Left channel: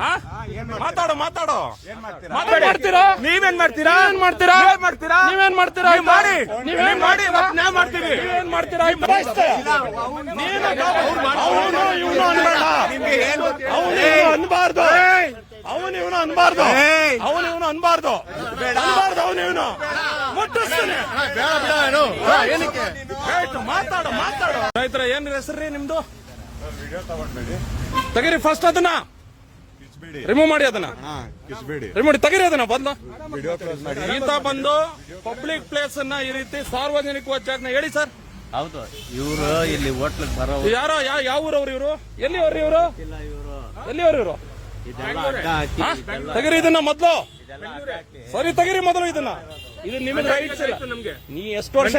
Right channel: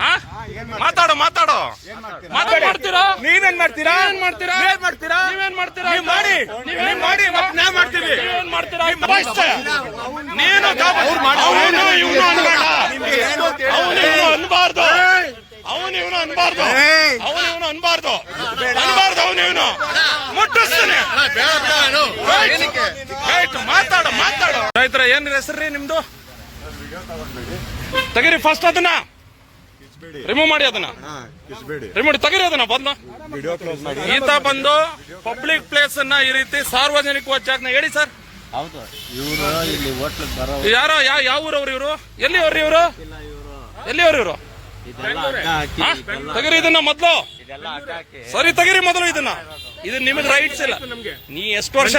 ಹಾ? ಮಾತಾಡು ಮಾತಾಡು. ಮಾತಾಡ್ತೀರಾ ಮಾಡ್ತೀರಾ? ನೀವೇನ್ ಮಾಡ್ತೀರಾ? ಏನ್ ಮಾಡ್ತೀರಾ? ಏನ್ ಮಾಡ್ತೀರಾ? ನೀವೇನ್ ಮಾಡ್ತೀರಾ? ನೀವ್ ಮಾಡಿ. ನೀವೇನ್ ಮಾಡಿ ನಾ ನಾವ್ ಮಾಡ್ತೀವಿ. ಏನ್ ಮಾಡ್ತೀರಾ? ನೀನು ಅವನು ಇವನು ಅನ್ಬೇಡ. ಅವನು ಇವನು ಅನ್ಬಾರ್ದು. ಅವನು ಇವನು ಅನ್ಬಾರ್ದು. ಅವನು ಇವನು ಅನ್ಬಾರ್ದು. ಅನ್ಬಾರ್ದು. ಅವನು ಇವನು. ಮುಟ್ಟಿಸ್ತಾನೆ. ಮಾತಾಡು ಮಾತಾಡು. ರೈತರ ಏನ್ ಹೆಸರು ನಿಮ್ದು? ತೆಗೀರಿ ಫಸ್ಟ್ ಅದನ್ನ. ರಿಮೂವ್ ಮಾಡಿ ಅದನ್ನ. ರಿಮೂವ್ ತೆಗೀರಿ ಅದನ್ನ ಬಂದು ಈತ ಬಂದು ಪಬ್ಲಿಕ್ ಪ್ಲೇಸ್ ಅನ್ನ ಈ ರೀತಿ ಸಾರ್ವಜನಿಕ ವಚನ ಹೇಳಿ ಸರ್ ಹೌದು ಇವರು ಇಲ್ಲಿ ಹೋಟ್ಲಿಗೆ ಬರೋ ಯಾರೋ ಯಾವ ಯಾವ ಊರವ್ರು ಇವರು? ಎಲ್ಲಿ ಅವ್ರಿ ಇವರು. ಎಲ್ಲಿ ಅವ್ರು ಇವರು? ಇದೆಲ್ಲ ಹಾಕಿ. ತೆಗೀರಿ ಇದನ್ನ ಮೊದ್ಲು. ಸರಿ ತೆಗೀರಿ ಮೊದಲು ಇದನ್ನ. ಇದು ನಿಮಗೆ ರೈಟ್ಸ್ ಇಲ್ಲ. ನೀ ಎಷ್ಟು ವರ್ಷ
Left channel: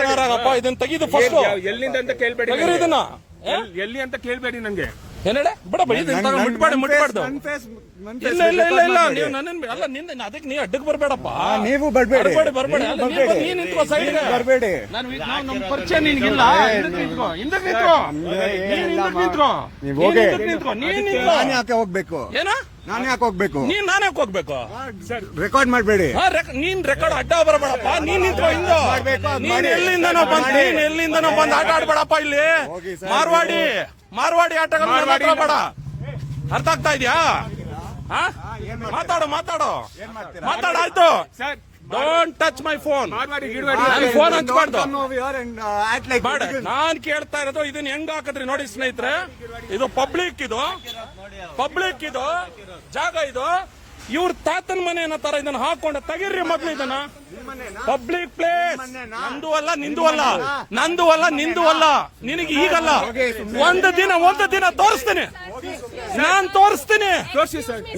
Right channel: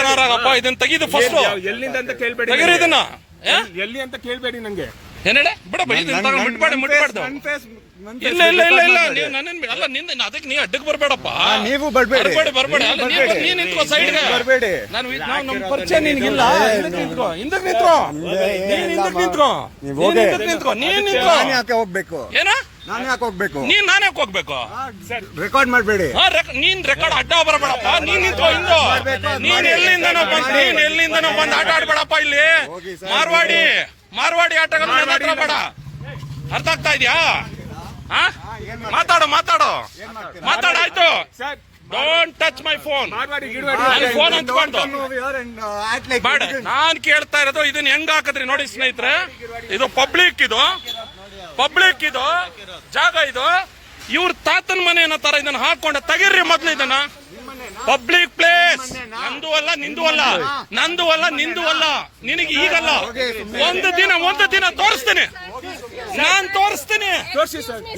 ಇದನ್ನ ತೆಗೀದು ಫಸ್ಟ್ ಎಲ್ಲಿಂದ ಅಂತ ಕೇಳ್ಬೇಡಿ ತೆಗೀರಿ ಇದನ್ನ. ಏ? ಎಲ್ಲಿ ಅಂತ ಕೇಳ್ಬೇಡಿ ನಂಗೆ ಏನ್ ಬಿಡ ತಗೊಂಡು ಮುಟ್ಬಾಡಿ ಮುಟ್ಬಾರ್ದು ಇಲ್ಲ ಇಲ್ಲ ಇಲ್ಲ ಇಲ್ಲ ನೀವು ನನ್ನ ಅಲ್ಲ ನಿಂದ ಅದಕ್ಕೆ ನೀ ಅಡ್ಡಕ್ಕೆ ಬರ್ಬೇಡಪ್ಪ. ನೀವು ಬರ್ಬೇಡಿ. ಬರ್ಬೇಡಿ ಬರ್ಬೇಡಿ. ಅಲ್ಲ ನೀ ಬರ್- ನೀ ನಿಂತ್ಕೋ ಸೈಡ್ಗೆ ಬರ್ಬೇಡಿ. ನಾನು ನಾವು ನಮ್ಮ ಪರಿಚಯ ನಿನ್ಗಿಲ್ಲ ಇಲ್ಲ. ನಿಂತ್ಕೋ. ಹಿಂದಕ್ಕೆ ನಿಂತ್ಕೋ. ನೀನ್ ಹಿಂದಕ್ಕೆ ನಿಂತ್ಕೋ. ನೀವ್ ನೀನ್ ಹೋಗಿ. ನಿಂತ್ಕೋ. ನೀನ್ ನಿಂತ್ಕೋ. ನಾನು ಯಾಕೆ ಹೋಗ್ಬೇಕು? ಏನ? ನಾನು ಯಾಕೆ ಹೋಗ್ಬೇಕು? ನೀನ್ ನಾನೇ ಹೋಗ್ಬೇಕು? ರೆಕಾರ್ಡ್ ಮಾಡಬೇಡಿ. ನೀನ್ ರೆಕಾರ್ಡ್ ಅಡ್ಡ ಬರಬೇಡಪ್ಪ. ನೀನ್ ನಿಂತ್ಕೋ ಹಿಂಗೋ. ಮಾಡ್ಬೇಕು, ನೀನ್ ಎಲ್ಲಿಂದನೋ ಬಂದ್ ನೀನ್ ಎಲ್ಲಿಂದನೋ ಬಂದ್ ಆಟ ಆಡ್ಬೇಡಪ್ಪ ಇಲ್ಲಿ. ಮಾರ್ವಾಡಿ. ಮಾರ್ವಾಡಿ ಆಟಗಳು ಮಾತ್ರ ಬೇಡ. ಅರ್ಥ ಆಗ್ತಾ ಇದೆಯಾ? ಹಾ? ಮಾತಾಡು ಮಾತಾಡು. ಮಾತಾಡಾಯ್ತು sir don't touch my phone phone ಹಂಚ್ಬಾರ್ದು ಬೇಡ ನಾನ್ ಕೇಳ್ತಾ ಇರೋದು ಇದನ್ನ ಹೆಂಗ್ ಹಾಕದ್ರಿ ನೋಡಿ ಸ್ನೇಹಿತರೆ. ಇದು ಪಬ್ಲಿಕ್ ಇದು. ಪಬ್ಲಿಕ್ ಇದು. ಜಾಗ ಇದು. ಇವ್ರ ತಾತನ ಮನೆ ಏನೋ ತರ ಇದನ್ನ ಹಾಕೊಂಡೆ. ತೆಗಿರ್ರಿ ಮೊದ್ಲು ಇದನ್ನ. ಪಬ್ಲಿಕ್ ಪ್ಲೇಸ್ ನಂದು ಅಲ್ಲ ನಿಂದು ಅಲ್ಲ. ನಂದು ಅಲ್ಲ ನಿಂದು ಅಲ್ಲ. ನಿನಗೆ ಈಗಲ್ಲ. ಒಂದು ದಿನ ಒಂದು ದಿನ ತೋರಿಸ್ತೇನೆ. ನಾನ್ ತೋರಿಸ್ತೀನಿ.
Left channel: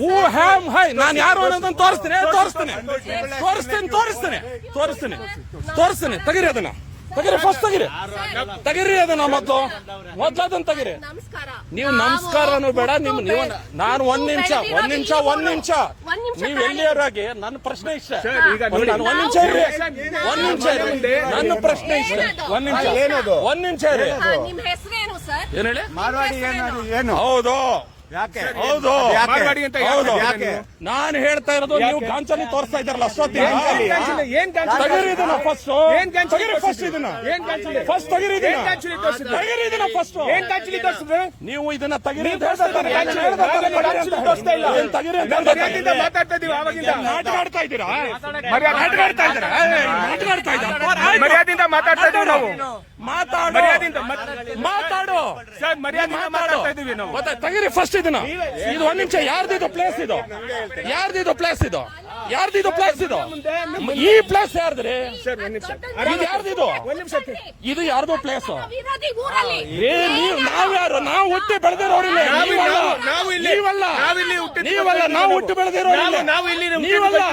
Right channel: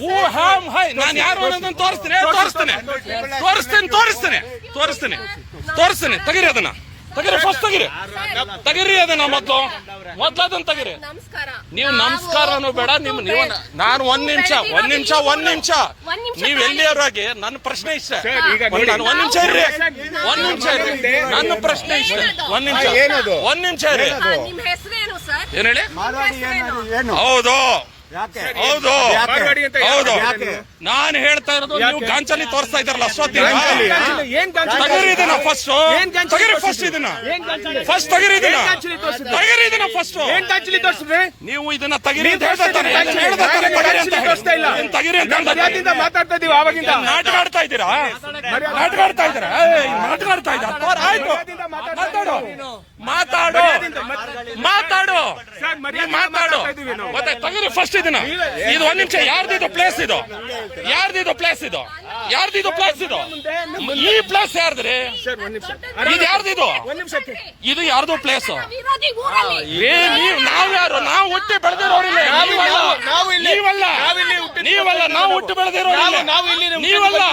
Who am I. ನಾನು ಯಾರು ಅನ್ನೋದನ್ನ ತೋರಿಸ್ತೀನಿ. ತೋರಿಸ್ತೇನೆ. ತೋರಿಸ್ತೀನಿ ತೋರಿಸ್ತೇನೆ. ತೋರಿಸ್ತೀನಿ. ತೋರಿಸ್ತೇನೆ. ತೆಗಿರಿ ಅದನ್ನ. ತೆಗಿರಿ ಫಸ್ಟ್ ತಗಿರಿ. ತೆಗಿರಿ ಅದನ್ನ ಮೊದ್ಲು. ಮೊದ್ಲು ಅದನ್ನ ತೆಗಿರಿ ನಮಸ್ಕಾರ ನೀವು ನಮಸ್ಕಾರನು ಬೇಡ ನಿಮ್ ನೀವು ನಾನು ಒಂದ್ ನಿಮಿಷ ಒಂದ್ ನಿಮಿಷ ಒಂದ್ ನಿಮಿಷ ನೀವ್ ಎಲ್ಲಿಯವರಾಗಿ ನನ್ನ ಪ್ರಶ್ನೆ ಇಷ್ಟ ಒಂದ್ ನೋಡಿ. ನಾನು ಒಂದ್ ನಿಮಿಷ ಇರ್ರಿ ಒಂದ್ ನಿಮಿಷ ಇರ್ರಿ ನನ್ನ ಪ್ರಶ್ನೆ ಇಷ್ಟ ಒಂದ್ ನಿಮಿಷ? ಒಂದ್ ನಿಮಿಷ ಇರ್ರಿ ಏನ್ ಹೇಳಿ ಹೌದು ಹೌದು. ಯಾಕೆ? ಹೌದು. ಯಾಕೆ? ನಾನು? ಹೇಳ್ತಾ ಇರೋದು ನೀವು ಗಾಂಚಲಿ ತೋರಿಸ್ತಾ ಇದ್ದಾರಲ್ಲ ತಗಿರಿ ಇದನ್ನ ಫಸ್ಟ್ ಏನ್ ಗಾಂಚಲಿ ತಗಿರಿ ಫಸ್ಟ್ ಇದನ್ನ. ಏನ್ ಗಾಂಚಿಲಿ ಫಸ್ಟ್ ತಗಿರಿ ಇದನ್ನ? ತಗಿರಿ ಇದನ್ನ ಫಸ್ಟ್ ಏನ್ ಗಾಂಚಿಲಿ ತೋರ್ಸಿದ್ರೆ? ನೀವು ಇದನ್ನ ತಗಿರಿ ಅಂತ ನೀವು ಹೇಳ್ತಾ ತಾನೆ ಹೇಳ್ತಾ ತಾನೆ ತಗಿರಿ ಅಂತ ಹೇಳಿ. ತಗಿರಿ ಮಾತಾಡ್ತಾ ಇದೀವಿ ಆವಾಗಿಂದ. ನಾಟಕ ಆಡ್ತಾ ಇದ್ದೀರಾ? ನಾಟಕ ಆಡ್ತಾ ಇದ್ದೀರಾ? ನಾಟಕ ಆಡ್ತಾ ಇದ್ದೀರಾ? ಮಾತಾಡು. ಮಾತಾಡು. ಮಾತಾಡು. ತೆಗಿರಿ ಫಸ್ಟ್ ಇದನ್ನ? ಇದು ಒಂದ್ ನಿಮಿಷ. ಯಾರ್ದಿದು ಪ್ಲೇಸ್ ಇದು? ಯಾರ್ದಿದು ಪ್ಲೇಸ್ ಇದು? ಯಾರ್ದಿದು ಪ್ಲೇಸ್ ಇದು? ಈ ಪ್ಲೇಸ್ ಯಾರ್ದ್ರಿ? ಇದು ಯಾರ್ದಿದು ಇದು? ಯಾರ್ದು ಪ್ಲೇಸ್ ಏ ನೀವ್ ನಾವ್ ಯಾರು? ನಾವು ಹುಟ್ಟಿ ಬೆಳೆದಿರೋರಿಲ್ಲ ನಾವು- ನೀವಲ್ಲ. ನೀವಲ್ಲ. ನಾವು ಹುಟ್ಟಿ ಬೆಳೆದಿರೋರಿಲ್ಲ ನೀವಲ್ಲ.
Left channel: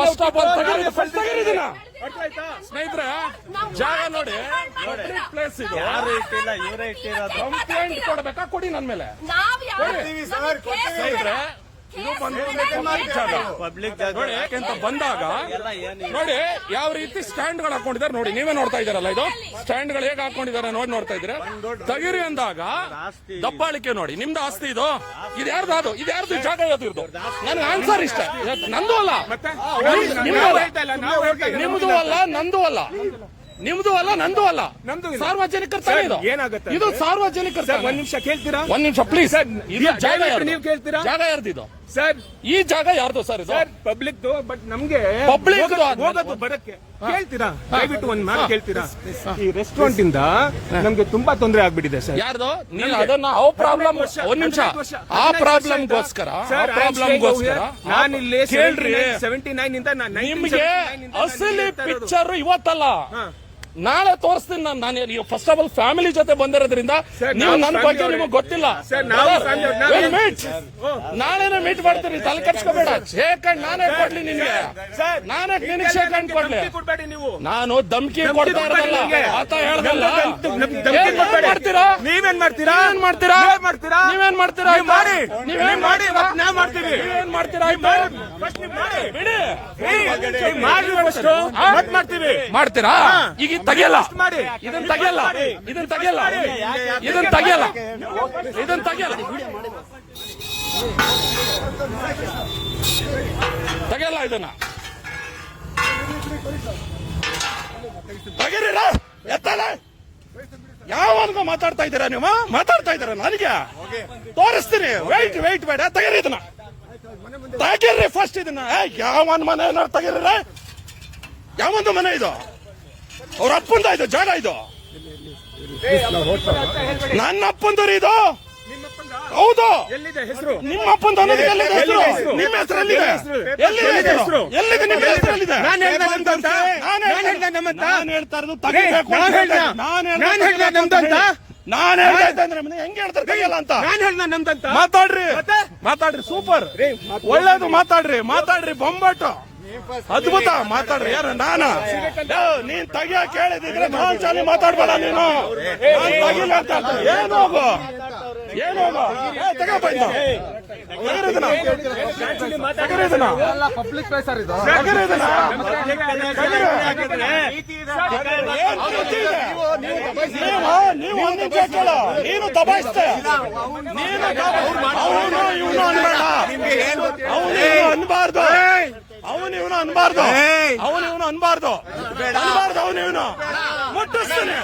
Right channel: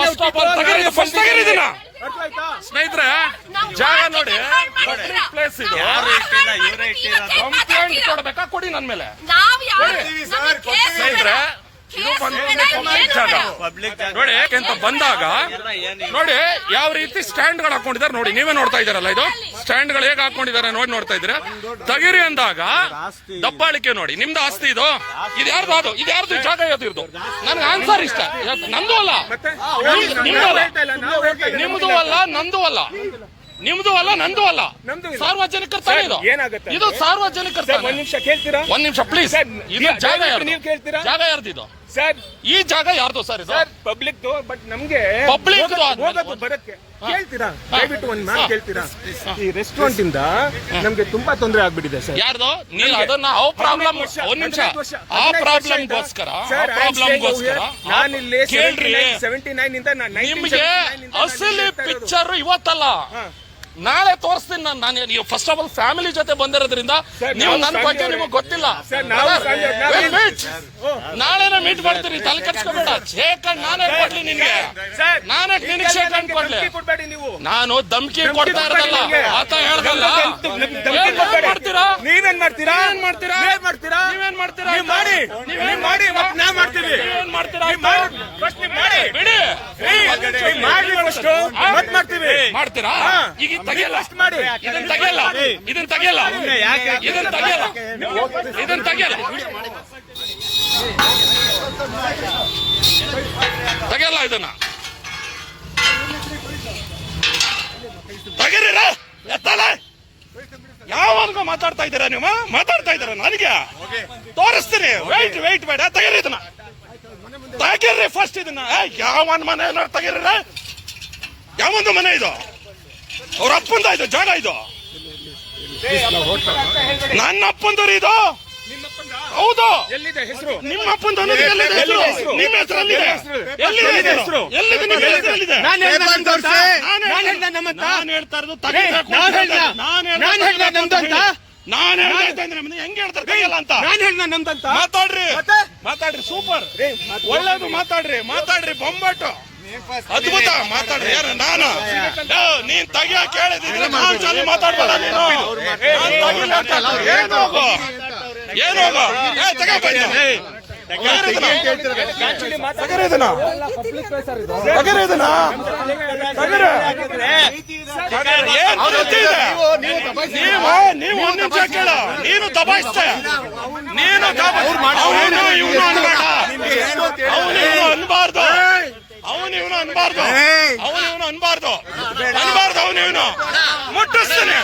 ಫಸ್ಟ್ ಆಫ್ ಆಲ್ ಹುಟ್ಟಿದ್ದು, ಫಸ್ಟ್ ತಗಿರಿ ಇದನ್ನ ಅರ್ಥ ಆಯ್ತಾ ಸ್ನೇಹಿತರೆ ಜಾಗ ನೋಡಿ. ಪಬ್ಲಿಕ್ ಪ್ಲೇಸ್ ಇದು. ಯಾರು ಇಟ್ಟಿಲ್ಲ ಇವರೇ ಇಟ್ಟಿರೋದು ಕಂಪ್ಲೇಂಟ್ ಕೊಡ್ಬೇಕಾ? ಕೊಡಿ ನನ್ನ ಮೇಲೆ. ಸ್ನೇಹಿತರೆ ಪಬ್ಲಿಕ್ ನೋಡಿ ಯಾಕೆಂತ ಬಂದಾಗ ನೋಡಿ ಯಾವ ರೀತಿ ಸ್ಟ್ಯಾಂಡ್ಗಳು ಹಾಕೊಂಡಿದ್ದಾರೆ ನೋಡಿ ನೀವೇ ನೋಡ್ತಾ ಇದಾರಲ್ಲ ಇದು? ಸ್ಟ್ಯಾಂಡ್ಗಳು ಹೇಗೆ ಹಾಕೊಂಡಿದ್ದಾರೆ ನೋಡಿ ನೋಡ್ತಾ ಇದ್ರೆ ತಗಿರಿ ಅಂದಾಗ ದಬ್ಬಾಳಿಕೆ ನೋಡಿ ನಿಮ್ದು ಆಸ್ತಿ ಇದು? ಇದ್ಯಾರ್ದು ಅದು? ಇದ್ಯಾರ್ದು ಜಾಗ ಯಾವ್ದು ಇರ್ದು? ನನಗೆ ಆನ್ಸರ್ ಇಷ್ಟ. ನಂದು ಅಲ್ಲ. ನಿಮ್ದು- ಅಲ್ಲ. ನಂದು ಅಲ್ಲ. ನಿಮ್ದು ಅಲ್ಲ ನಂದು ಅಲ್ಲ. ಸಾರ್ವಜನಿಕರ ತಾನೇ ಇದು? ಏನಾಗುತ್ತೆ? ಇದು ಸಾರ್ವಜನಿಕರ ಸರ್ ಒಂದ್ ನಿಮಿಷ ಕೇಳ್ತೀರಾ? ಒಂದ್ ನಿಮಿಷ ಪ್ಲೀಸ್ ಇದು ಜಾಗ ಯಾರ್ದು? ನೀವು ಕೇಳ್ತೀರಾ? ಜಾಗ ಯಾರ್ದು ಇದು? ಸರ್ ಈ ಜಾಗ ಯಾರ್ದು ಸರ್ ಇದು? ಸರ್ ಪಬ್ಲಿಕ್ ಬಟ್ ನಮ್ಗೆ Public ಹೋಗೋದು- ಹೋಗೋದು ಬರಕ್ಕೆ. ಕೇಳ್ತೀರಾ? ದಯವಿಟ್ಟು ಒಂದ್ ಮಾತು ಕೇಳ್ತೀರಾ? ಈ ರೆಸ್ಟೋರೆಂಟ್ ಇಂದ ನಮ್ಗೆ ತುಂಬಾ ತೊಂದರೆ ಆಗ್ಬಿಟ್ಟಿದೆ ಸರ್. ಯಾರ್ದು? ನೀವು ಅದನ್ನ ಅವ್ ಪ್ರಾಬ್ಲಮ್ ಹದಿನೈದು ವರ್ಷ- ಒಂದ್ ನಿಮಿಷ. ಹದಿನೈದು ವರ್ಷ- ಆ ಹದಿನೈದು ವರ್ಷ ಪ್ರಾಬ್ಲಮ್ಗೋಸ್ಕರ ಆ ಸರ್, I'm staying ಪ್ರಾಬ್ಲಮ್ಗೋಸ್ಕರ over here. ನಾನಿಲ್ಲಿ ಕೇಳ್ರಿ. ಸೆವೆಂಟಿ ನೈನ್ ಇಂದ ನಾನು 1979 ನಿಮ್ಗೆ ಇಂದ ನಾನು ಅಸಲಿ ಇಲ್ಲಿ ಇರ್ತಾ ಇರೋದು. ಪಿಕ್ಚರ್ ಇವತ್ತಲ್ಲ. ನಾಳೆ ತೋರಿಸ್ತೀನಿ ನಾನು ನಾನು ನೀವು ಫಸ್ಟ್ ಆಫ್ ಆಲ್ ಫ್ಯಾಮಿಲಿ ಜೊತೆ ಬಂದಿರೋದ್ರಿಂದ ನೀವು ನನ್ನ ಬಗ್ಗೆ ನಿಮಗೆ ಗೊತ್ತಿಲ್ಲ. ನಾಳೆನೇ ಮೀಟ್ ಮಾಡ್ತೀರಿ ತಲೆ ಕಟ್ಸ್ಕೋಬೇಡ ಶೇಕ್ ಹ್ಯಾಂಡ್ ನಾನೇ ಕೊಡ್ಲಿ ನಿನ್ಗೆ. ನಾನೇ ನಿನಗೆ ಶೇಕ್ ಹ್ಯಾಂಡ್ ಕೊಡ್ಲಿ. ನಾನು ಧಮ್ಕಿ ಕೊಡ್ತಾ ಇರೋದಲ್ಲ. ಆತ ಹೇಳ್ದಲ್ಲ. ಏನ್ ಮಾಡ್ತೀರಾ? ನೀವೇನ್ ಮಾಡ್ತೀರಾ? ಏನ್ ಮಾಡ್ತೀರಾ? ಏನ್ ಮಾಡ್ತೀರಾ? ನೀವೇನ್ ಮಾಡ್ತೀರಾ? ಮಾಡಿ. ನೀವ್ ಮಾಡಿ ನಾ ಮಾಡ್ತೀವಿ. ನೀವೇನ್ ಮಾಡ್ತೀರಾ? ಬಿಡಿ. ಮಾಡ್ತೀವಿ. ಮಾಡ್ತೀರಾ? ಈಗ ತೆಗೆಯಲ್ಲ. ಇದನ್ನ ತೆಗೆಯಲ್ಲ. ಇದನ್ನ ತೆಗೆಯಲ್ಲ. ಇದನ್ನ ತೆಗೆಯಲ್ಲ. ಇದನ್ನ ತೆಗೆಯಲ್ಲ. ತೆಗೆಯಲ್ಲ ಇದನ್ನ. ತೆಗೀರಿರ ಎತ್ತಲ್ಲ ಯಾವನ್ಗ ಮಾತಾಡ್ತಾ ಇದ್ದೀರಾ ನೀವು ಮಾತಾಡ್ತಾ ಇದ್ದೀರಾ ನನಗೆ? ತೋರಿಸ್ತೀನಿ. ವೈಟ್ ವೈಟ್ ಬೇಡ. ತೆಗೀರಿ ಇದನ್ನ. ತೆಗೀರಿ ಫಸ್ಟ್ ಇದನ್ನ. ಯಾವನ್ ಮನೆ ಏನಾರು ತೆಗೀರಿ ಯಾವೊಂದು ಮನೆ ಇದು? ಅವ್ರ ಅಪ್ಪಂದ ಇದು ಜಾಗ ಇದು. ನನ್ನ ಅಪ್ಪಂದರಿ ಇದು. ಹೌದು. ನಿಮ್ಮ ಅಪ್ಪಂದ? ನಿಮ್ಮ ಎಲ್ಲಿದೆ? ನಾನು? ನಾನು ನಾನು ಹೇಳ್ತಾ ಇರೋದು ಹೆಂಗ್ ಹೇಳ್ತಾರೆ ಅಂತ? ನಾನು ಹೇಳ್ದ ನಮ್ದಂತ ಮಾತಾಡ್ರಿ? ಮಾತಾಡ್ರಿ ಸೂಪರ್. ಒಳ್ಳೇದು ಮಾತಾಡ್ರಿ ಮಾತಾಡ್ರಿ ಬೊಂಬಾಟು. ಅದ್ಭುತ ಮಾತಾಡ್ರಿ ಯಾರು? ನಾನು? ನೀನ್ ತೆಗಿಯ ಕೇಳಿದ್ರೆ ನಾನ್ ಚಾಲಿ ಮಾತಾಡ್ಬೇಡ ನೀನು. ಏನೋ ಏನೋ. ಏನು ಹೋಗು? ಏನು ಹೋಗು? ಏ ತಗೋ ಬಂದು ಪಬ್ಲಿಕ್ ಪ್ಲೇಸ್ ಸರ್ ಇದು ಏನ್ ಪ್ರೀತಿ ಇದೆ? ನೀವು ನೀವು ಒಂದ್ ನಿಮಿಷ ಕೇಳು. ನೀನು ದಬಾಯಿಸ್ತೆ ನೀನು ಅವನು ಇವನು ಅನ್ಬೇಡ. ಅವನು ಅನ್ಬಾರ್ದು. ಇವನು ಅನ್ಬಾರ್ದು. ಅವನು ಇವನು ಅನ್ಬಾರ್ದು. ಅನ್ಬಾರ್ದು ಅವನು ಇವನು. ಮುಟ್ಟಿಸ್ತಾನೆ.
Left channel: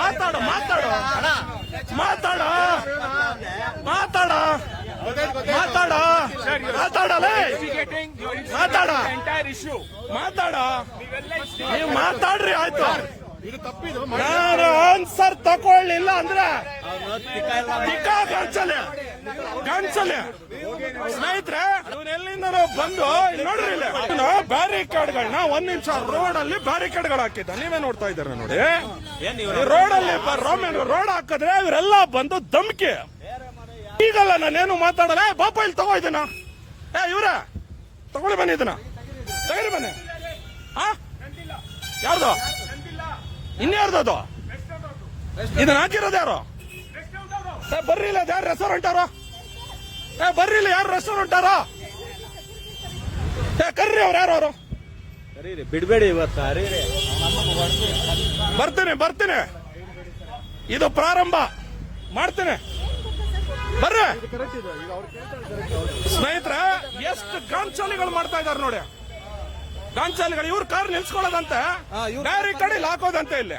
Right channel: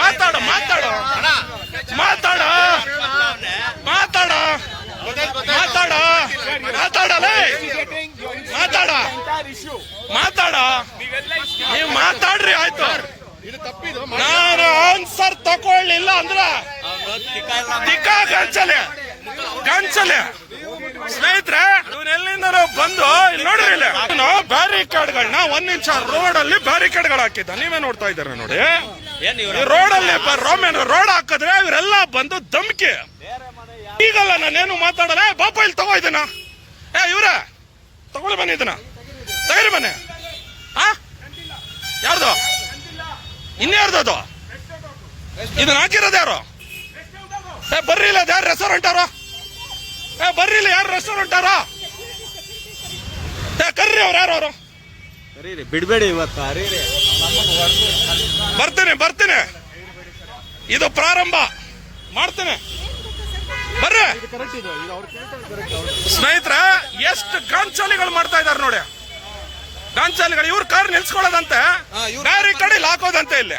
ಮಾತಾಡು ಮಾತಾಡು. ಮಾತಾಡ. ಮಾತಾಡ. ಮಾತಾಡ. ಮಾತಾಡಲೇ. ಮಾತಾಡ. ಮಾತಾಡ. ನೀವು ಮಾತಾಡ್ರಿ ಆಯ್ತು. ನಾನು ಆನ್ಸರ್ ತಗೊಳ್ಳಿಲ್ಲ ಅಂದ್ರೆ ತಿಕ್ಕ ಗಂಚಲೆ ಗಂಚಲೆ ಸ್ನೇಹಿತರೆ ಎಲ್ಲಿಂದ ಬಂದು ಇಲ್ಲಿ ನೋಡ್ರಿ ಇಲ್ಲಿ. ಅವನು ಬ್ಯಾರಿಕೇಡ್ಗಳನ್ನ ಒಂದ್ ನಿಮಿಷ ರೋಡ್ ಅಲ್ಲಿ ಬ್ಯಾರಿಕೇಡ್ಗಳು ಹಾಕಿದ್ದ. ನೀವೇ ನೋಡ್ತಾ ಇದ್ದಾರೆ ನೋಡಿ? ರೋಡ್ ಅಲ್ಲಿ ರೋಮನ್ ರೋಡ್ ಹಾಕಿದ್ರೆ ಇವರೆಲ್ಲ ಬಂದು ಧಮ್ಕಿ. ಈಗಲ್ಲ ನಾನೇನು ಮಾತಾಡಲ್ಲ. ಬಾಪ, ಇಲ್ಲಿ ತಗೋ ಇದನ್ನ. ಏ, ಇವ್ರ ತಗೊಂಡು ಬನ್ನಿ ಇದನ್ನ. ತಗರಿ ಬನ್ನಿ. ಆ? ಯಾರ್ದು? ಇನ್ಯಾರ್ದು ಅದು? ಇದನ್ನ ಹಾಕಿರೋದು ಯಾರು? ಏ ಬರ್ರಿ ಇಲ್ಲ ಯಾರು ರೆಸ್ಟೋರೆಂಟ್ ಅವರ? ಏ ಬರ್ರಿ ಇಲ್ಲ ಯಾರು ರೆಸ್ಟೋರೆಂಟ್ ಅವರ? ಏ ಕರ್ರಿ ಅವ್ರು ಯಾರು ಅವರು? ಬಿಡ್ಬೇಡಿ ಇವತ್ತು ಬರ್ತೀನಿ ಬರ್ತೀನಿ. ಇದು ಪ್ರಾರಂಭ. ಮಾಡ್ತೀನಿ. ಬರ್ರಿ. ಸ್ನೇಹಿತರ ಎಷ್ಟು ಗಾಂಚಾಲಿಗಳು ಮಾಡ್ತಾ ಇದಾರೆ ನೋಡಿ. ಗಾಂಚಾಲಿಗಳು ಇವ್ರ ಕಾರ್ ನಿಲ್ಸ್ಕೊಳ್ಳೋದಂತೆ ಬ್ಯಾರಿ ಕಡೆ ಹಾಕೋದಂತೆ ಇಲ್ಲಿ.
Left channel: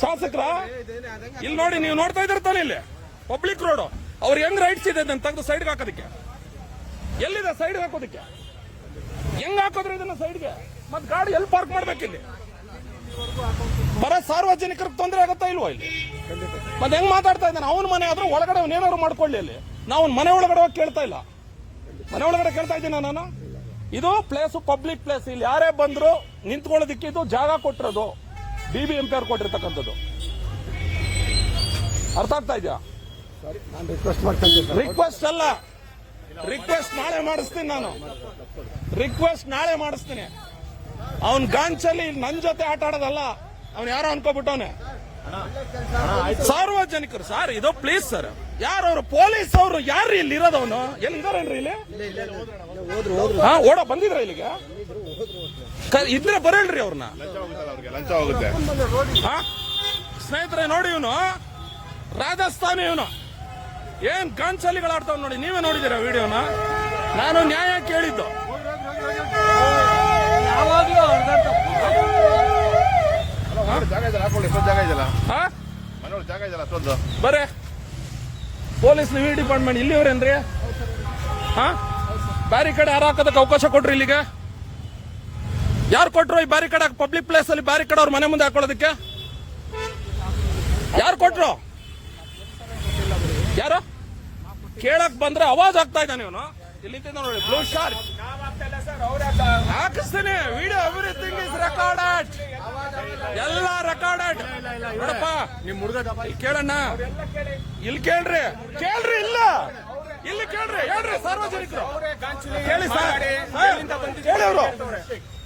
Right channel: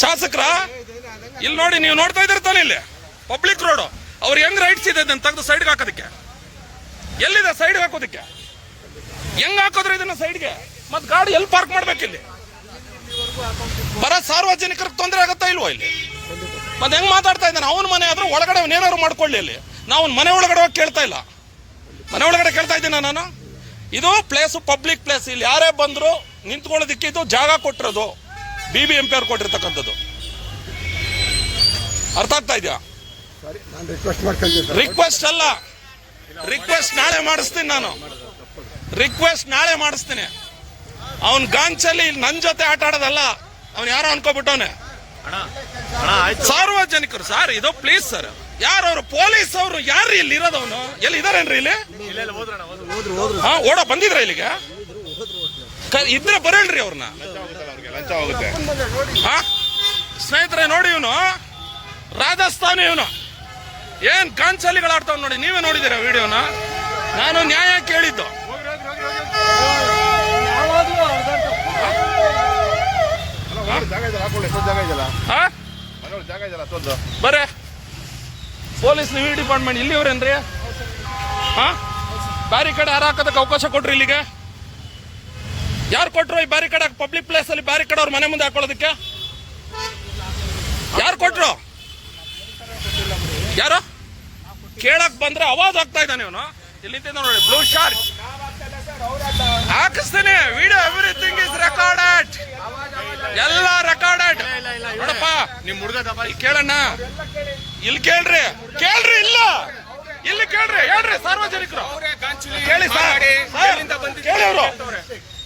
ಶಾಸಕರ? ಇಲ್ಲಿ ನೋಡಿ, ನೀವು ನೋಡ್ತಾ ಇದ್ದೀರ ತಾನೆ ಇಲ್ಲಿ? ಪಬ್ಲಿಕ್ ರೋಡ್ ಅವ್ರು ಹೆಂಗ್ ರೈಟ್ಸ್ ಇದೆ ಅದನ್ನ ತೆಗೆದು ಸೈಡ್ಗೆ ಹಾಕೋದಕ್ಕೆ? ಎಲ್ಲಿದೆ ಸೈಡ್ ಹಾಕೋದಕ್ಕೆ? ಹೆಂಗ್ ಹಾಕೋದ್ರೆ ಇದನ್ನ ಸೈಡ್ಗೆ ಮತ್ ಗಾಡಿ ಎಲ್ಲಿ ಪಾರ್ಕ್ ಮಾಡ್ಬೇಕಿಲ್ಲಿ ಬರ ಸಾರ್ವಜನಿಕರಿಗೆ ತೊಂದರೆ ಆಗುತ್ತಾ ಇಲ್ವಾ ಇಲ್ಲಿ? ಮತ್ತೆ ಹೆಂಗ್ ಮಾತಾಡ್ತಾ ಇದ್ದಾನೆ? ಅವನ ಮನೆ ಆದ್ರೂ ಒಳಗಡೆ ಅವನೇನಾದ್ರು ಮಾಡ್ಕೊಳ್ಳಿ ಇಲ್ಲಿ. ನಾವು ಮನೆ ಒಳಗಡೆ ಹೋಗಿ ಕೇಳ್ತಾ ಇಲ್ಲ. ಮನೆ ಒಳಗಡೆ ಕೇಳ್ತಾ ಇದ್ದೀನ ನಾನು? ಇದು ಪ್ಲೇಸ್ ಪಬ್ಲಿಕ್ ಪ್ಲೇಸ್ ಇಲ್ಲಿ ಯಾರೇ ಬಂದ್ರು ನಿಂತ್ಕೊಳ್ಳೋದಕ್ಕೆ ಇದು ಜಾಗ ಕೊಟ್ಟಿರೋದು. ಬಿ ಬಿ ಎಂ ಪಿ ಅವ್ರು ಕೊಟ್ಟಿರ್ತಕ್ಕಂಥದ್ದು. ಅರ್ಥ ಆಗ್ತಾ ಇದೆಯಾ? ರಿಕ್ವೆಸ್ಟ್ ಅಲ್ಲ. ರಿಕ್ವೆಸ್ಟ್ ನಾಳೆ ಮಾಡಿಸ್ತೀನಿ ನಾನು. ರಿಕ್ವೆಸ್ಟ್ ನಾಳೆ ಮಾಡಿಸ್ತೀನಿ. ಅವನ್ ಗಾಂಚಲ್ಲಿ ನನ್ ಜೊತೆ ಆಟ ಆಡೋದಲ್ಲ ಅವ್ನು ಯಾರೋ ಅನ್ಕೋಬಿಟ್ಟವನೆ. ಸಾರ್ವಜನಿಕರು ಸರ್ ಇದು ಪ್ಲೀಸ್ ಸರ್ ಯಾರು ಅವರು? ಪೊಲೀಸ್ ಅವರು ಯಾರು ಇಲ್ಲಿ ಇರೋದವನು? ಎಲ್ಲಿ ಇದಾರೇನ್ರಿ ಇಲ್ಲಿ? ಹಾ ಓಡ ಬಂದಿದ್ರ ಇಲ್ಲಿಗೆ? ಕ- ಇದ್ರೆ ಬರಲ್ರಿ ಅವ್ರನ್ನ ಹಾ ಸ್ನೇಹಿತರೆ, ನೋಡಿ ಇವನು. ರಾಜಸ್ಥಾನಿ ಇವನು. ಏನ್ ಕಾಂಚಲಿಗಳು ಆಡ್ತಾವ್ ನೋಡಿ, ನೀವೇ ನೋಡಿದ್ದೀರಾ ವಿಡಿಯೋನ? ನಾನು ನ್ಯಾಯ ಕೇಳಿದ್ದು. ಬರೇ. ಪೊಲೀಸ್ ನೀವು ಡಿಪಾರ್ಟ್ಮೆಂಟ್ ಇಲ್ಲಿವ್ರೇನ್ರಿ? ಹಾ ದಾರಿ ಕಡೆ ಹಾಕೋದಕ್ಕೆ ಅವಕಾಶ ಕೊಟ್ರಿ ಇಲ್ಲಿಗೆ? ಯಾರು ಕೊಟ್ಟರು ಈ ಬ್ಯಾರಿಕೇಡ್ ಪಬ್ಲಿಕ್ ಪ್ಲೇಸ್ ಅಲ್ಲಿ ಬ್ಯಾರಿಕೇಡ್ ಅವ್ರ ಮನೆ ಮುಂದೆ ಹಾಕೊಳ್ಳೋದಕ್ಕೆ? ಯಾರು ಕೊಟ್ರು? ಯಾರು? ಕೇಳಕ್ ಬಂದ್ರೆ ಅವಾಜ್ ಆಗ್ತಾ ಇದ್ದಾನೆ ಇವನು. ಇಲ್ಲಿ ನೋಡಿ ಬ್ಲೂ ಶಾರ್ಟ್ ಹಾಕಿಸ್ತೀನಿ. ವಿಡಿಯೋ ಎವ್ರಿಥಿಂಗ್ ಇಸ್ ರೆಕಾರ್ಡೆಡ್ ಎಲ್ಲ ರೆಕಾರ್ಡೆಡ್ ನೋಡಪ್ಪ ನಿಮ್ ಹುಡುಗ ಇಲ್ಲಿ ಕೇಳಣ್ಣ. ಇಲ್ಲಿ ಕೇಳ್ರಿ. ಕೇಳ್ರಿ ಇಲ್ಲ. ಇಲ್ಲಿ ಕೇಳ್ರಿ ಹೇಳ್ರಿ ಸಾರ್ವಜನಿಕರು. ಕೇಳಿ ಸರ್, ಕೇಳಿ ಅವರು.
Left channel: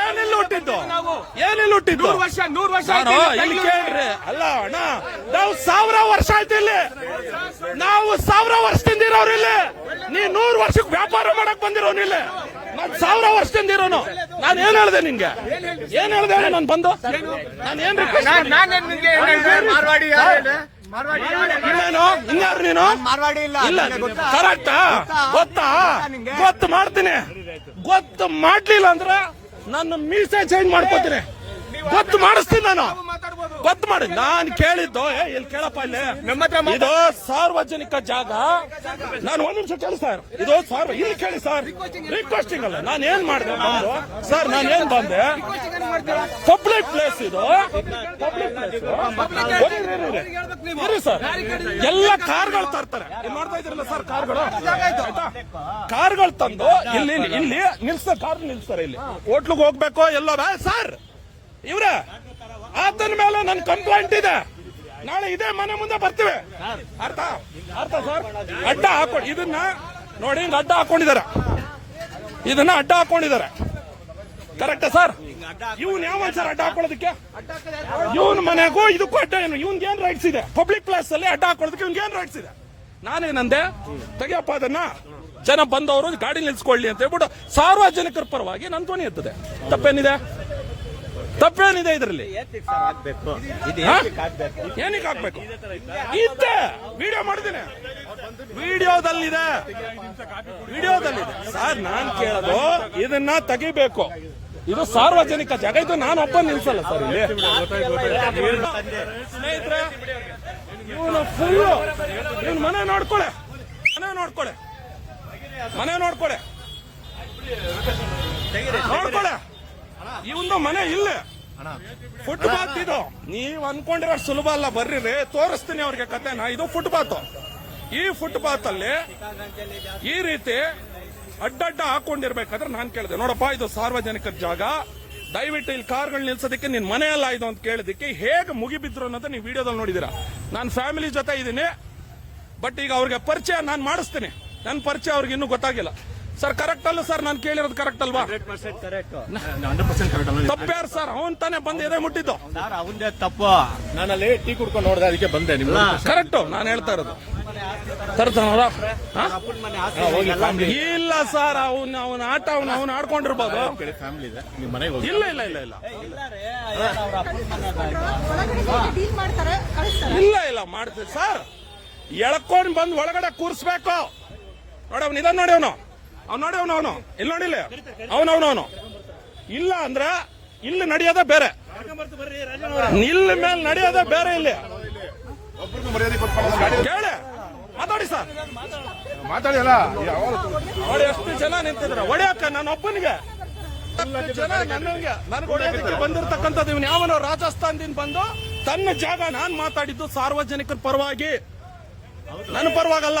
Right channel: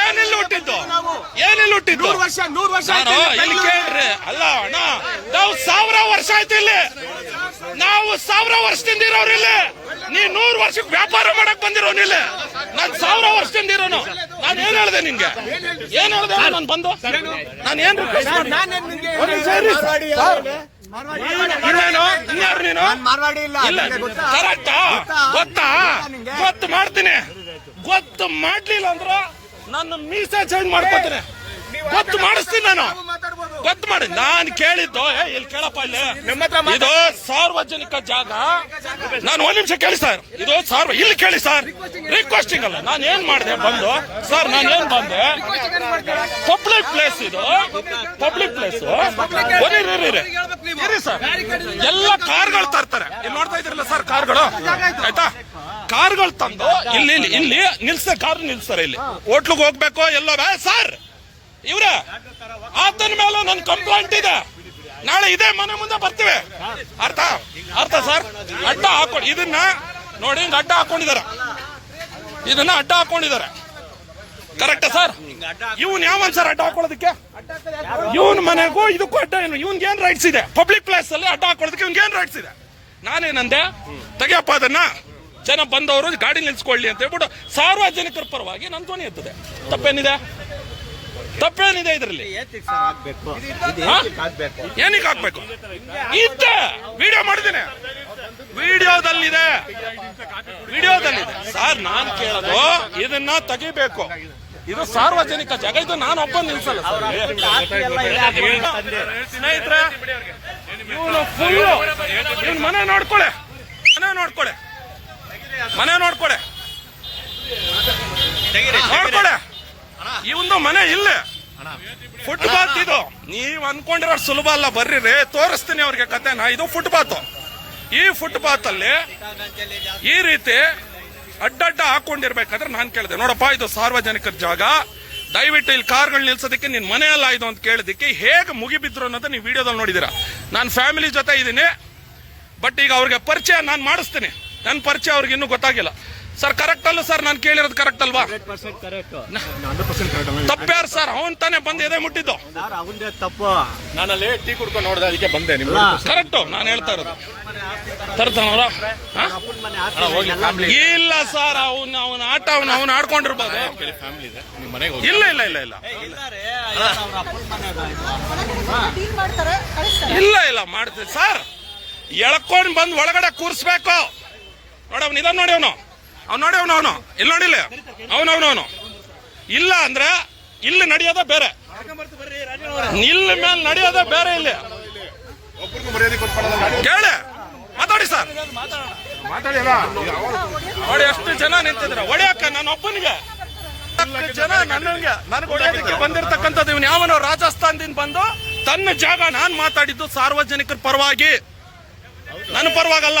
ಏನಿಲ್ಲ ಹುಟ್ಟಿದ್ದು ಏನಿಲ್ಲ ಹುಟ್ಟಿದ್ದು ವರ್ಷ ನೂರು ವರ್ಷ ಆಯ್ತು ಇಲ್ಲಿ ಕೇಳ್ರಿ. ಅಲ್ಲ ಅಣ್ಣ ನಾವು ಸಾವಿರ ವರ್ಷ ಆಯ್ತು ಇಲ್ಲಿ. ನಾವು ಸಾವಿರ ವರ್ಷದಿಂದ ಇರೋರು ಇಲ್ಲಿ. ನೀ ನೂರು ವರ್ಷಕ್ಕೆ ವ್ಯಾಪಾರ ಮಾಡಕ್ ಬಂದಿರೋನು ಇಲ್ಲಿ. ನಾನ್ ಸಾವಿರ ವರ್ಷದಿಂದ ಇರೋನು. ನಾನು ಏನ್ ಹೇಳ್ದೆ ನಿನ್ಗೆ? ಏನ್ ಹೇಳ್ದೆ ನಾನು ಬಂದು? ನಾನು ಏನ್ ರಿಕ್ವೆಸ್ಟ್ ಇನ್ನೇನು ಇನ್ಯಾರು ನೀನು? ಇಲ್ಲ? ಕರೆಕ್ಟಾ? ಗೊತ್ತಾ? ಗೊತ್ತು ಮಾಡ್ತೀನಿ. ಗೊತ್ತು ಮಾಡ್ಲಿಲ್ಲ ಅಂದ್ರೆ ನನ್ನ ಮೀಸೆ ಚೇಂಜ್ ಮಾಡ್ಕೋತೀನಿ ಗೊತ್ತು ಮಾಡಿಸ್ತೀನಿ ನಾನು. ಗೊತ್ತು ಮಾಡಿ. ನಾನು ಕೇಳಿದ್ದು ಇಲ್ಲಿ ಕೇಳಪ್ಪ ಇಲ್ಲಿ. ಇದು ಸಾರ್ವಜನಿಕ ಜಾಗ. ನಾನು ಒಂದ್ ನಿಮಿಷ ಕೇಳಿ ಸರ್. ಇದು ಸಾರ್ವ ಇಲ್ಲಿ ಕೇಳಿ ಸರ್. ರಿಕ್ವೆಸ್ಟಿಂಗ್ ಅಲ್ಲ. ನಾನು ಏನ್ ಮಾಡಿದೆ ಬಂದು? ಸರ್ ನಾನು ಏನ್ ಬಂದೆ? ಪಬ್ಲಿಕ್ ಪ್ಲೇಸ್ ಇದು. ಪಬ್ಲಿಕ್ ಪ್ಲೇಸ್ ಇರಿ ಸರ್. ಎಲ್ಲ ಕಾರ್ಗಳು ತರ್ತಾರೆ. ಇಲ್ಲಿ ನೋಡ್ತಾ ಇದ್ರಲ್ಲ ಸರ್ ಕಾರ್ಗಳು? ಆಯ್ತಾ? ಕಾರ್ಗಳು ತಂದು ಇಲ್ಲಿ ಇಲ್ಲಿ ಇಲ್ಲಿ ನಿಲ್ಸ ಕಾರ್ ನಿಲ್ಸ್ತಾರೆ ಇಲ್ಲಿ. ಹೋಟ್ಲಿಗೆ ಹೋಗ್ಬೇಕು ಎಲ್ಲೋ ಸರ್! ಇವ್ರೆ, ಆತನ ಮೇಲೆ ನನ್ನ ಕಂಪ್ಲೇಂಟ್ ಇದೆ. ನಾಳೆ ಇದೇ ಮನೆ ಮುಂದೆ ಬರ್ತೀವಿ. ಅರ್ಥ? ಅರ್ಥ ಸರ್ ಅಡ್ಡ ಹಾಕೊಂಡು ಇದನ್ನ ನೋಡಿ ಹಿಂಗ ಅಡ್ಡ ಹಾಕೊಂಡಿದ್ದಾರೆ. ಇದನ್ನ ಅಡ್ಡ ಹಾಕೊಂಡಿದ್ದಾರೆ. ಕರೆಕ್ಟ್ ಸರ್ ಇವನ್ ಯಾವನ್ ಸರ್ ಅಡ್ಡ ಹಾಕೊಳ್ಳೋದಕ್ಕೆ? ಇವನ್ ಮನೆಗೂ ಇದಕ್ಕೂ ಅಡ್ಡ ಏನು? ಇವನ್ಗೆ ಏನ್ ರೈಟ್ಸ್ ಇದೆ? ಪಬ್ಲಿಕ್ ಪ್ಲೇಸ್ ಅಲ್ಲಿ ಅಡ್ಡ ಹಾಕೊಳ್ಳೋದಕ್ಕೆ ಇವ್ನ್ಗೆ ಏನ್ ರೈಟ್ಸ್ ಇದೆ? ನಾನೇನಂದೆ ತೆಗಿಯಪ್ಪ ಅದನ್ನ. ಜನ ಬಂದವರು ಗಾಡಿ ನಿಲ್ಸ್ಕೊಳ್ಳಿ ಅಂತ ಹೇಳ್ಬಿಟ್ಟು ಸಾರ್ವಜನಿಕರ ಪರವಾಗಿ ನನ್ ಧ್ವನಿ ಎತ್ತದೆ. ತಪ್ಪೇನಿದೆ? ತಪ್ಪೇನಿದೆ ಇದರಲ್ಲಿ? ಏನಕ್ಕೆ ಹಾಕ್ಬೇಕು? ಇದ್ದ! ವಿಡಿಯೋ ಮಾಡಿದ್ದೀನಿ. ವಿಡಿಯೋದಲ್ಲಿದೆ. ವಿಡಿಯೋದಲ್ಲಿದೆ. ಸರ್, ನಾನು ಕೇಳೋದು, ಇದನ್ನ ತೆಗಿಬೇಕು. ಇದು ಸಾರ್ವಜನಿಕ ಜಾಗ. ಇದು ನಾನು ಒಬ್ಬ ನಿಲ್ಸಲ್ಲ ಸರ್ ಸ್ನೇಹಿತರೆ, ಇವನು ಫುಲ್ ಇವನ್ ಮನೆ ನೋಡ್ಕೊಳೆ. ಮನೆ ನೋಡ್ಕೊಳೆ. ಮನೆ ನೋಡ್ಕೊಳೆ. ನೋಡ್ಕೊಳೆ. ಇವಂದು ಮನೆ ಇಲ್ಲ. ಫುಟ್ಪಾತ್ ಇದು. ನೀವ್ ಅನ್ಕೊಂಡಿರೋ ಸುಲಭ ಅಲ್ಲ ಬರ್ರಿ ರೀ ತೋರಿಸ್ತೀನಿ ಅವ್ರಿಗೆ ಕತೆನ ಇದು ಫುಟ್ಪಾತ್. ಈ ಫುಟ್ಪಾತ್ ಅಲ್ಲಿ ಈ ರೀತಿ ಅಡ್ಡಡ್ಡ ಹಾಕೊಂಡಿರ್ಬೇಕಾದ್ರೆ ನಾನು ಕೇಳಿದೆ. ನೋಡಪ್ಪ, ಇದು ಸಾರ್ವಜನಿಕರ ಜಾಗ. ದಯವಿಟ್ಟು ಇಲ್ಲಿ ಕಾರ್ಗಳು ನಿಲ್ಸೋದಕ್ಕೆ ನಿನ್ ಮನೆ ಅಲ್ಲ ಇದು ಅಂತ ಕೇಳಿದಕ್ಕೆ ಹೇಗೆ ಮುಗಿಬಿದ್ರು ಅನ್ನೋದು ನೀವು ವಿಡಿಯೋದಲ್ಲಿ ನೋಡಿದಿರ. ನಾನು ಫ್ಯಾಮಿಲಿ ಜೊತೆ ಇದ್ದೀನಿ ಬಟ್ ಈಗ ಅವ್ರಿಗೆ ಪರಿಚಯ ನಾನು ಮಾಡಿಸ್ತೀನಿ. ನನ್ನ ಪರಿಚಯ ಅವ್ರಿಗೆ ಇನ್ನೂ ಗೊತ್ತಾಗಿಲ್ಲ. ಸರ್ ಕರೆಕ್ಟ್ ಅಲ್ಲ ಸರ್ ನಾನು ಕೇಳಿರೋದು ಕರೆಕ್ಟ್ ಅಲ್ವಾ? ತಪ್ಪ್ಯಾರು ಸರ್ ಅವನ್ ತಾನೇ ಬಂದು ಎದೆ ಮುಟ್ಟಿದ್ದು. ಅವಂದೇ ತಪ್ಪು ನಾನಲ್ಲಿ ಟೀ ಕುಡ್ಕೊಂಡು ನೋಡಿದೆ ಅದಕ್ಕೆ ಬಂದೆ ನಿಮ್ಗೆ. ಕರೆಕ್ಟು ನಾನು ಹೇಳ್ತಾ ಇರೋದು. ತರ್ತಾನವ್ರ ಇಲ್ಲ ಸರ್ ಅವನು ಅವನ ಆಟ ಅವನು ಅವನು ಆಡ್ಕೊಂಡಿರ್ಬೋದು. ಇಲ್ಲ ಇಲ್ಲ ಇಲ್ಲ ಇಲ್ಲ. ಇಲ್ಲ ಇಲ್ಲ ಮಾಡ್ತೀವಿ ಸರ್ ಎಳ್ಕೊಂಡ್ ಬಂದು ಒಳಗಡೆ ಕೂರಿಸ್ಬೇಕು. ನೋಡಿ ಅವ್ನು ಇದ ನೋಡಿ ಅವನು. ಅವ್ನು ನೋಡಿ, ಅವನು ಅವನು. ಇಲ್ಲಿ ನೋಡಿಲ್ಲ ಅವನು ಅವನು ಇಲ್ಲ ಅಂದ್ರೆ ಇಲ್ಲಿ ನಡೆಯೋದೇ ಬೇರೆ. ನಿಲ್ ಮೇಲೆ ನಡೆಯೋದೇ ಬೇರೆ ಇಲ್ಲಿ. ಕೇಳಿ. ಮಾತಾಡಿ ಸರ್. ನೋಡಿ, ಎಷ್ಟು ಜನ ನಿಂತಿದ್ರ. ಹೊಡಿಯಕ್ಕ ನನ್ನ ಒಬ್ಬನಿಗೆ ಜನ ನನಗೆ ನನಗೆ ಹೊಡೆಯೋದಕ್ಕೆ ಬಂದಿರತಕ್ಕಂಥದ್ದು ಇವನು. ಯಾವನೋ ರಾಜಸ್ಥಾನದಿಂದ ಬಂದು ತನ್ನ ಜಾಗ ನಾನು ಮಾತಾಡಿದ್ದು ಸಾರ್ವಜನಿಕರ ಪರವಾಗಿ. ನನ್ನ ಪರವಾಗಲ್ಲ.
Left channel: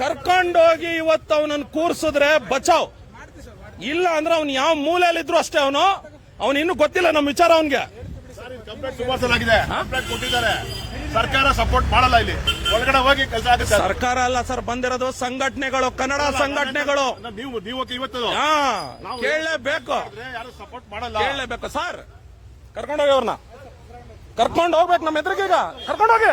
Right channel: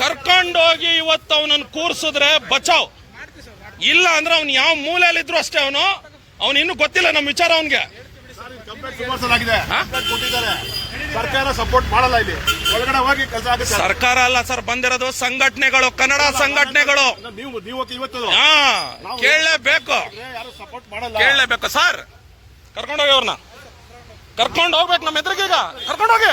ಕರ್ಕೊಂಡೋಗಿ ಇವತ್ತು ಅವನನ್ನು ಕೂರ್ಸಿದ್ರೆ ಬಚಾವ್. ಇಲ್ಲ ಅಂದ್ರೆ ಅವ್ನು ಯಾವ ಮೂಲೆಯಲ್ಲಿದ್ರು ಅಷ್ಟೇ ಅವನು. ಅವನು ಇನ್ನು ಗೊತ್ತಿಲ್ಲ ನಮ್ಮ ವಿಚಾರ ಅವನ್ಗೆ. ಕಂಪ್ಲೇಂಟ್ ಸುಮಾರು ಸಲ ಆಗಿದೆ ಕಂಪ್ಲೇಂಟ್ ಕೊಟ್ಟಿದ್ದಾರೆ. ಸರ್ಕಾರ ಸಪೋರ್ಟ್ ಮಾಡಲ್ಲ ಇಲ್ಲಿ. ಒಳಗಡೆ ಹೋಗಿ ಸರ್ಕಾರ ಅಲ್ಲ ಸರ್ ಬಂದಿರೋದು ಸಂಘಟನೆಗಳು ಕನ್ನಡ ಸಂಘಟನೆಗಳು. ನೀವು ನೀವು ಇವತ್ತು. ಹಾ ಕೇಳಲೇಬೇಕು. ಯಾರು ಸಪೋರ್ಟ್ ಮಾಡಲ್ಲ. ಕೇಳಲೇಬೇಕು ಸರ್. ಕರ್ಕೊಂಡೋಗಿ ಅವ್ರನ್ನ. ಕರ್ಕೊಂಡು ಹೋಗ್ಬೇಕು ನಮ್ಮ ಈಗ ಕರ್ಕೊಂಡೋಗಿ.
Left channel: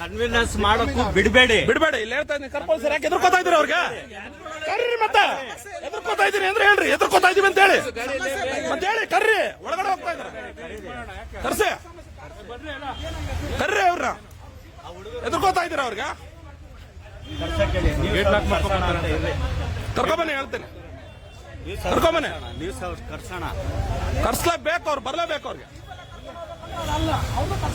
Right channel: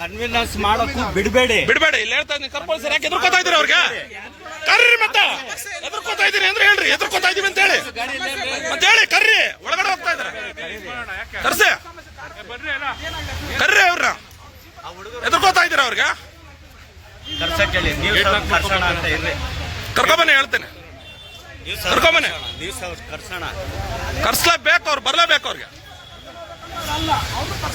ಕನ್ವಿನ್ಸ್ ಮಾಡೋಕ್ಕೂ ಬಿಡಬೇಡಿ. ಬಿಡಬೇಡಿ. ಇಲ್ಲಿ ಹೇಳ್ತಾ ಇದ್ದೀನಿ ಕರ್ಕೊಳ್ಳಿ ಸರ್ ಯಾಕೆ ಎದುರ್ಕೋತಾ ಇದ್ದೀರಿ ಅವ್ರಿಗೆ? ಕರ್ರಿ ಮತ್ತೆ. ಎದುರ್ಕೋತಾ ಇದ್ದೀನಿ ಅಂದ್ರೆ ಹೇಳ್ರಿ, ಎದುರ್ಕೋತಾ ಇದೀವಿ ಅಂತ ಹೇಳಿ. ಮತ್ತೆ ಹೇಳಿ, ಕರ್ರಿ. ಒಳಗಡೆ ಹೋಗ್ತಾ ಇದಾರೆ ಕರ್ಸೆ ಕರ್ರಿ ಅವ್ರನ್ನ. ಎದುರ್ಕೋತಾ ಇದ್ದೀರ ಅವ್ರಿಗೆ? ಕರ್ಕೊಂಬನೆ ಹೇಳ್ತೇನೆ. ಕರ್ಕೊಂಬನೆ ಕರ್ಸ್ಲೇಬೇಕು ಅವ್ರು, ಬರ್ಲೇಬೇಕು ಅವ್ರಿಗೆ.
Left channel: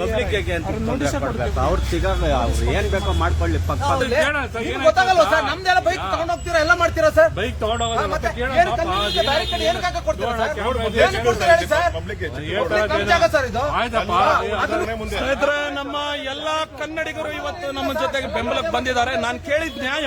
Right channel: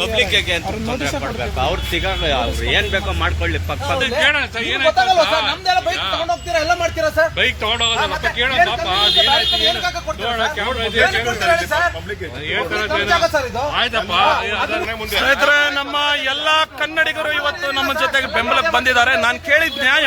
ಪಬ್ಲಿಕ್ ಅಂತ ತೊಂದರೆ ಕೊಡ್ಬೇಕು. ಅವ್ರು ತಿಗ ಅವ್ರು ಏನ್ ಬೇಕೋ ಮಾಡ್ಕೊಳ್ಳಿ. ಪಕ್ಕ ಗೊತ್ತಾಗಲ್ವಾ ಸರ್. ನಮ್ದೆಲ್ಲ ಬೈಕ್ ತಗೊಂಡ್ ಹೋಗ್ತೀರಾ? ಎಲ್ಲ ಮಾಡ್ತೀರಾ ಸರ್? ಬೈಕ್ ಸ್ನೇಹಿತರೆ ನಮ್ಮ ಎಲ್ಲಾ ಕನ್ನಡಿಗರು ಇವತ್ತು ನಮ್ಮ ಜೊತೆಗೆ ಬೆಂಬಲಕ್ಕೆ ಬಂದಿದ್ದಾರೆ. ನಾನು ಕೇಳಿದ ನ್ಯಾಯ.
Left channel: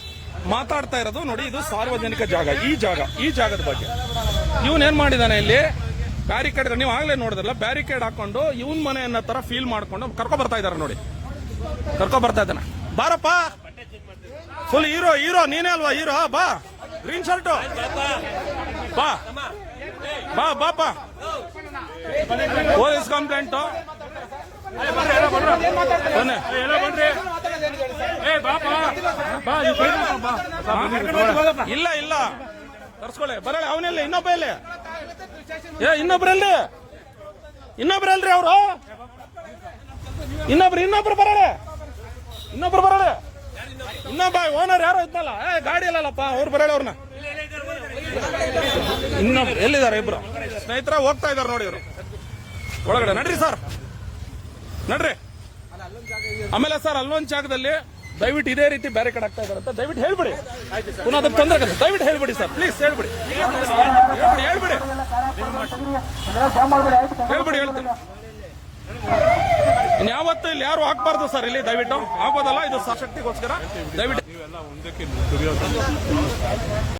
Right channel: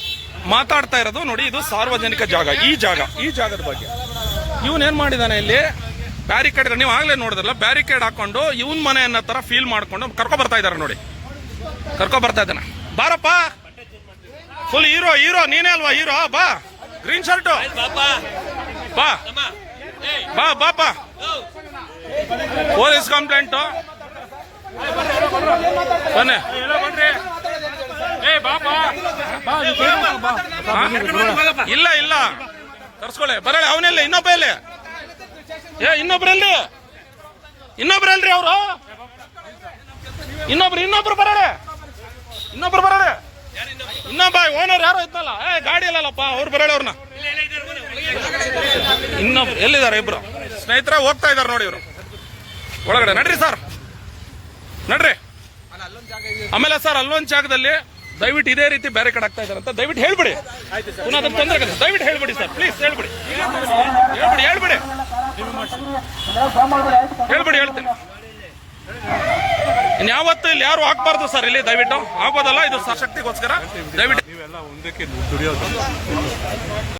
ಮಾತಾಡ್ತಾ ಇರೋದು ನೋಡಿ, ಇದು ಸಾರ್ವಜನಿಕ ಜಾಗ, ಈ ಜಾಗ, ಈ ಜಾಗದ ಬಗ್ಗೆ. ಇವನ್ ಏನ್ ಮಾಡಿದಾನೆ ಇಲ್ಲಿ? ಬ್ಯಾರಿಕೇಡ್ ನೀವು ಆಗ್ಲೇ ನೋಡಿದ್ರಲ್ಲ ಬ್ಯಾರಿಕೇಡ್ ಹಾಕೊಂಡು ಇವನ್ ಮನೆ ಅನ್ನೋ ತರ ಫೀಲ್ ಮಾಡ್ಕೊಂಡು ಕರ್ಕೊ ಬರ್ತಾ ಇದಾರೆ ನೋಡಿ. ಕರ್ಕೊ ಬರ್ತಾ ಇದ್ದಾನೆ. ಬಾರಪ್ಪ! ಫುಲ್ ಹೀರೋ ಹೀರೋ ನೀನೇ ಅಲ್ವಾ ಹೀರೋ ಬಾ. ಗ್ರೀನ್ ಶರ್ಟು ಬಾ. ಬಾ ಬಾಪ ಪೊಲೀಸ್ ಕಂಪ್ಲೇಂಟ್ ಬನ್ನಿ? ಇಲ್ಲ ಇಲ್ಲ. ತರ್ಸ್ಕೊಳ್ಳಿ ಬರಲ್ಲ ಅವನಿಲ್ಲ? ಇನ್ನೊಬ್ಬ ಇಲ್ಲಿ ಏ, ಇನ್ನೊಬ್ರಲ್ಲಿ? ಇನ್ನೊಬ್ರಲ್ರಿ ಅವರು? ಇನ್ನೊಬ್ರು ಇನ್ನೊಬ್ರು ಬರಳೆ. ಇನ್ನೊಬ್ರು ಬರಳೆ. ಇನ್ನೊಬ್ಬ ಓನರ್ ಯಾರೋ ಇದ್ನಲ್ಲ? ಏ, ಗಾಡಿ ಇಲ್ಲಲ್ಲಪ್ಪ, ಅವ್ರು ಬರಳೆ ಅವ್ರನ್ನ ಇನ್ನೊಬ್ರು, ಎಲ್ಲಿದ್ದಾರೆ ಇಬ್ರು? ಸ್ನೇಹಿತರ, ಹೋಗ್ತಾ ಇದಾರೆ ನೋಡಿ ಇವರು. ಒಳಗಡೆ ನಡ್ರಿ ಸರ್. ನಡ್ರಿ. ಆಮೇಲೆ ಸರ್, ಅಲ್ಲೊಂದು ಜಾಗದಲ್ಲಿ ದಯವಿಟ್ಟು ಇದೇ ರೀತಿ ಬ್ಯಾರಿಕೇಡ್ ಆಗ್ತಾ ಇದಾರೆ ಅಂತ ದಯವಿಟ್ಟು ಹೇಳ್ಬಿಡಿ. ಪುನಃ ಅದಕ್ಕೆ ತೊಂದರೆ ಆಗುತ್ತೆ ದಯವಿಟ್ಟು ಹೇಳ್ಬಿಡಿ ಸರ್ ಪ್ಲೀಸ್ ಹೇಳ್ಬಿಡಿ. ಹೇಳ್ಬಿಡಿ ಹೇಳ್ಬಿಡಿ. ಹೇಳ್ಬಿಡಿ, ಹೇಳ್ತೀನಿ. ಇನ್ಯಾವತ್ತು ಇಲ್ಲಿ ಯಾರು ಹಾಕ್ಬಾರ್ದು ಸರ್, ಇಲ್ಲಿ ದಯವಿಟ್ಟು. ಆಗೋದಲ್ಲ ಇದು ಸಶಕ್ತಿಗೋಸ್ಕರ ದಯವಿಟ್ಟು